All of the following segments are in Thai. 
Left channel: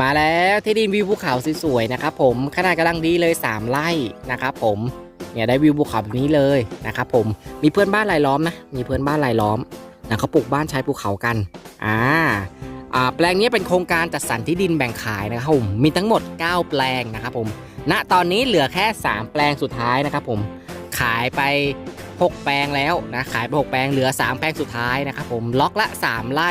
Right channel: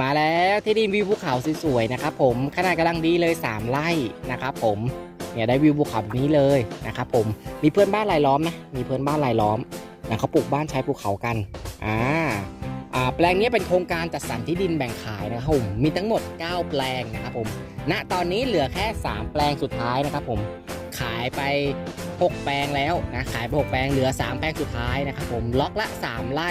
มาแล้วที่ดินวิวภูเขาสวยๆนะครับผมขนาดกำลังดีเลย 3ไร่นะครับผมเนี่ยได้วิวภูเขาแบบนี้เลยนะครับผมมีเพื่อนบ้านรายล้อมนะมีเพื่อนบ้านรายล้อมนะเขาปลูกบ้านใช้ภูเขากันอ่าอ่าแปลงนี้เป็นโครงการจัดสรรที่ดินแบ่งขายนะครับผมมีทั้งหมด 9 แปลงนะครับผมณตอนนี้เหลือแค่ 3 แปลงสุดท้ายนะครับผมขายไป 6 แปลงแล้วนะขายไป 6 แปลงเหลือ 3 แปลงสุดท้ายนะครับผมล็อกละ 3 ไร่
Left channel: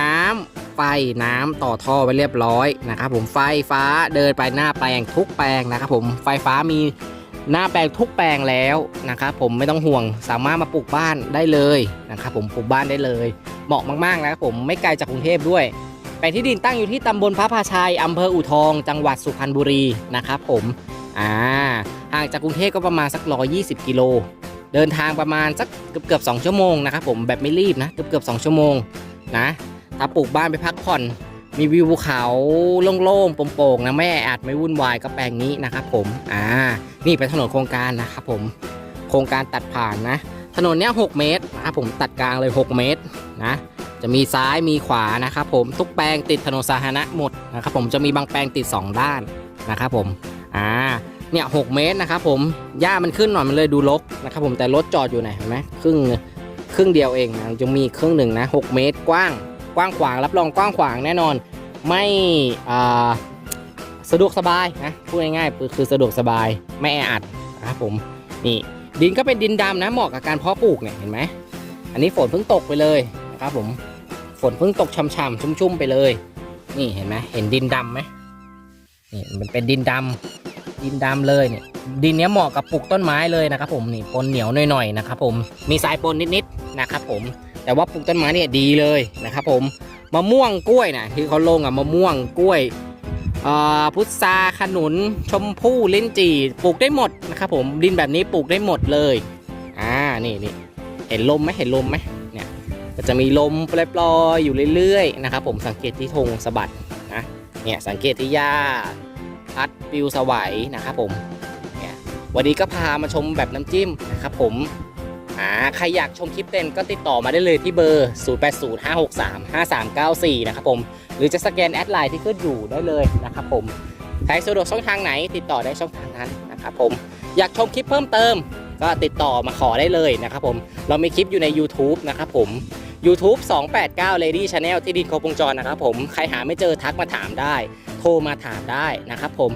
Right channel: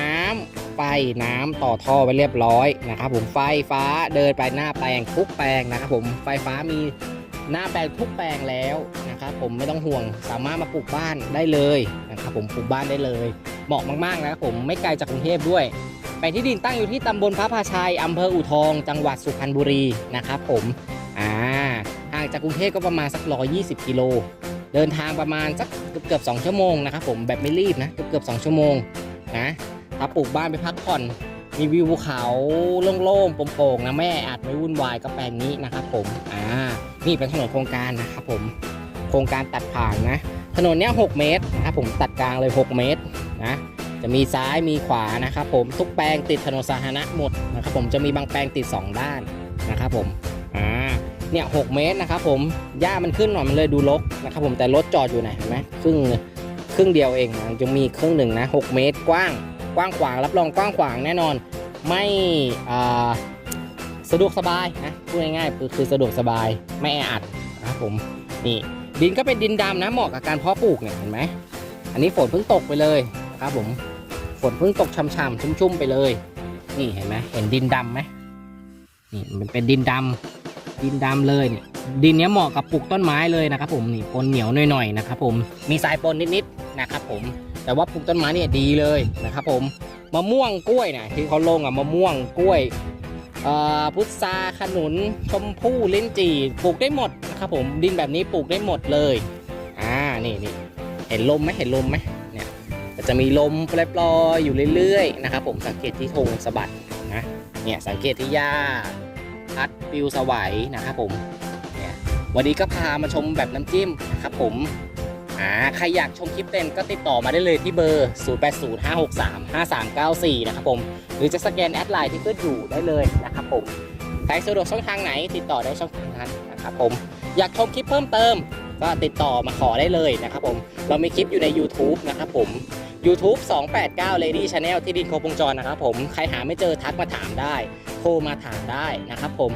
น้ำ ไฟน้ำต่อท่อไว้เรียบร้อยนะครับผมไฟฟ้าเดินไปหน้าแปลงทุกแปลงนะครับผมไฟฟ้ามีหน้าแปลงทุกแปลงแล้วนะครับผมไม่ต้องห่วงสามารถมาปลูกบ้านได้เลยนะครับผมปลูกบ้านได้เลย เหมาะมากๆนะครับผมไม่ไกลจากกรุงเทพด้วยแปลงที่ดินตั้งอยู่ที่ตำบลพระพาชัยอำเภออู่ทอง จังหวัดสุพรรณบุรีนะครับผมอ่าห่างจากกรุงเทพก็ประมาณสัก 120 กิโล เดินทางประมาณสักเกือบเกือบ2ชั่วโมงนะครับผมแบบไม่รีบนะเกือบเกือบ2ชั่วโมงนะ ถ้าปลูกบ้านไปพักผ่อน มีวิวภูเขาโล่งๆโปร่งๆนะไม่แออัดไม่วุ่นวายก็แปลงนี้นะครับผมอ่านี่เป็นถนนโครงการนะครับผมโครงการตัดผ่านนะ ถนนเนี้ย6เมตรนะครับผมตัดกลางเลย 6 เมตรนะจะมีซ้ายมีขวานะครับผมทุกแปลงติดถนนสาธารณะหมดนะครับผมจะมีบางแปลงติด 2 ด้านนะครับผมอ่าเนี่ยหเมตรนะครับผมหญ้ามันขึ้นหน่อยมันเลยดูรกนะครับผมแต่รถจอดอยู่ไหนเห็นไหมครึ่งครึ่งเดียวเองนะจะมีครึ่งหนึ่งนะ 6 เมตรกว้าง กว้างขวางรับรองกว้างขวางแน่นอน ไม่อ่าสะดวกสบายนะพูดง่ายๆคือคือสะดวกสบายไม่แออัดนะครับผมนี่ดินก็เป็นดินดำนะเหมาะกับการเพาะปลูกเนี่ยเห็นไหมอันนี้ฝนเพิ่งตกไปเลยนะครับผมฝนเพิ่งตกช่ำๆชุ่มๆไปเลย นี่เห็นไหมเห็นดินดำไหมนี่มันเป็นดินดำดินดำเลยเนี่ยดินเนี้ยเหมาะกับปลูกต้นไม้เลยนะครับผมนี่ปนเหนียวหน่อยๆนะครับผมมีสายปนนิดๆนะครับผม แต่ว่าปลูกต้นไม้เนี่ยดีเลยนะครับผมมะม่วงกล้วยนะที่เขาลงอะมะม่วงกล้วยพุทราขนุน ชมพู่ลิ้นจี่ปลูกได้หมดนะครับผมดินแบบนี้ปลูกได้หมดเลยอ่านี่นี่เห็นลมไหมเห็นลมไหมเนี่ยก็จะมีลมปลอยๆอยู่เรื่อยๆนะครับผมสังเกตที่ธงสะบัดนะเนี่ยสังเกตที่หญ้าพัดปิวสวัยนะครับผมเนี่ยวันนี้ก็พามาชมแบบน้ำจิ้มนะครับผม อ่าใครอยากชมคลิปเต็มก็ติดต่อมาได้เลยที่เบอร์ 0805635394 นะครับผม หรือจะสแกนแอดไลน์ที่ขึ้นอยู่ได้เลยนะครับผม ใครสะดวกช่องทางไหนติดต่อได้ช่องทางนั้นนะครับผม อยากชมคลิปเพิ่มเติม ก็ติดต่อมาขอได้เลยนะครับผม เรามีคลิปอยู่ใน YouTube นะครับผม YouTube 289 Lady Channel ที่ดินครบวงจรนะครับผม ใครหาไม่เจอทักมาถามได้ โทรมาถามได้นะครับผม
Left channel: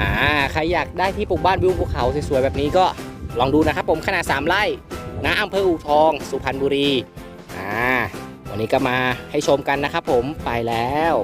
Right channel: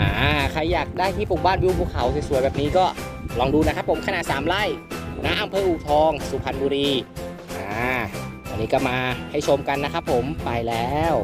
อ่า ใครอยากได้ที่ปลูกบ้านวิวภูเขาสวยๆแบบนี้ก็ลองดูนะครับผมขนาด 3 ไร่ ณอำเภออู่ทอง สุพรรณบุรีอ่าวันนี้ก็มาให้ชมกันนะครับผมไปแล้ว